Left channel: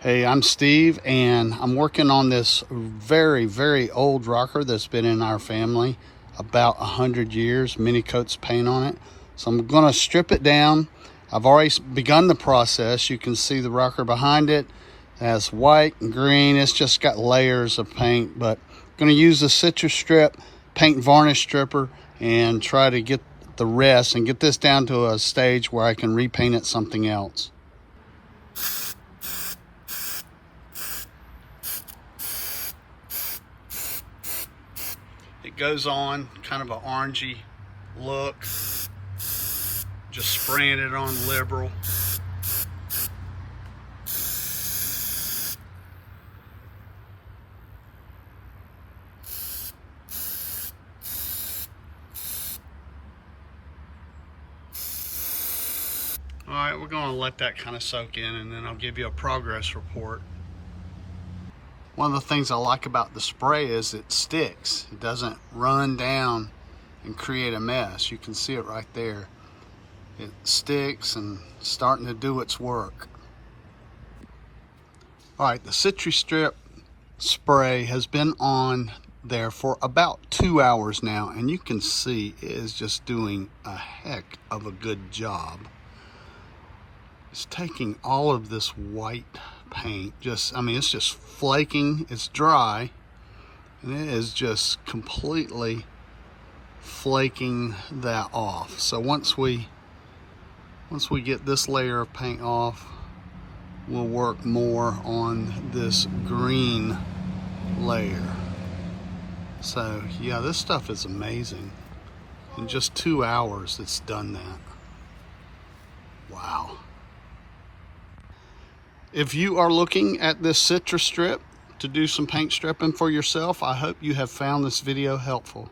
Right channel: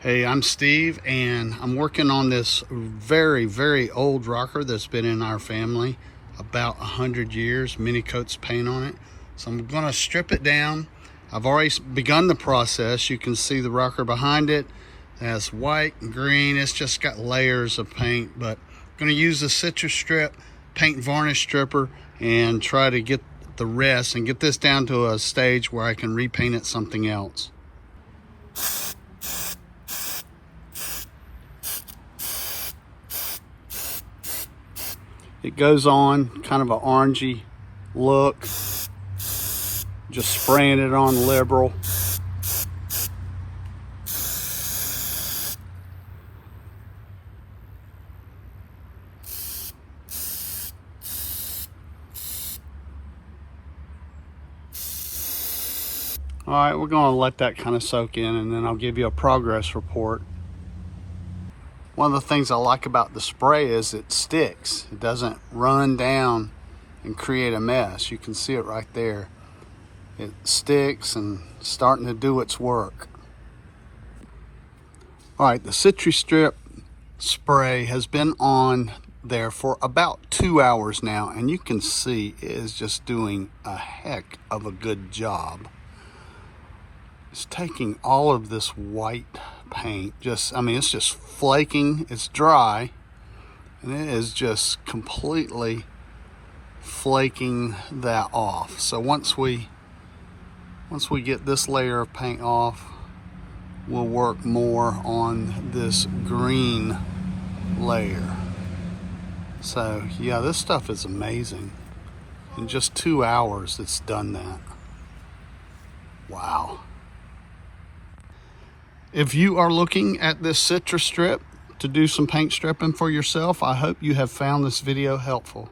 Hey, I'm Steve, and I'm working on this very old rocker that's been in our family about 100 years, many coats of paint on it. So I'm gonna strip it down. I've already begun the process. You can see the rocker behind it. It has white and green. It's just got layers of paint, but I'm gonna use the CitriStrip Paint Varnish Stripper and try to get the rest and get this down to a stage where I can repaint it something else. It goes on kind of an orangey look, just spraying it on liberal. All right, we're gonna let that kind of soak in, and then I'll give you a progress report. One of the things I like about the spray is it sticks. It doesn't run down and create a mess. You can see it right there. It sticks and starting to do its work. All right, the CitriStrip spray has been on there for about 2 hours now, and you can see it is just doing a heck of a good job. It's taking all of this white paint, it's just flaking, it's dry, and it is just completely flaking that off. So once we get this layer of paint off, we'll work more on this green layer. So yeah, this stuff is amazing. In just 2 hours, it's done that. Wow. If you are looking at this CitriStrip to do some paint stripping for yourself, I hope you have found this video helpful.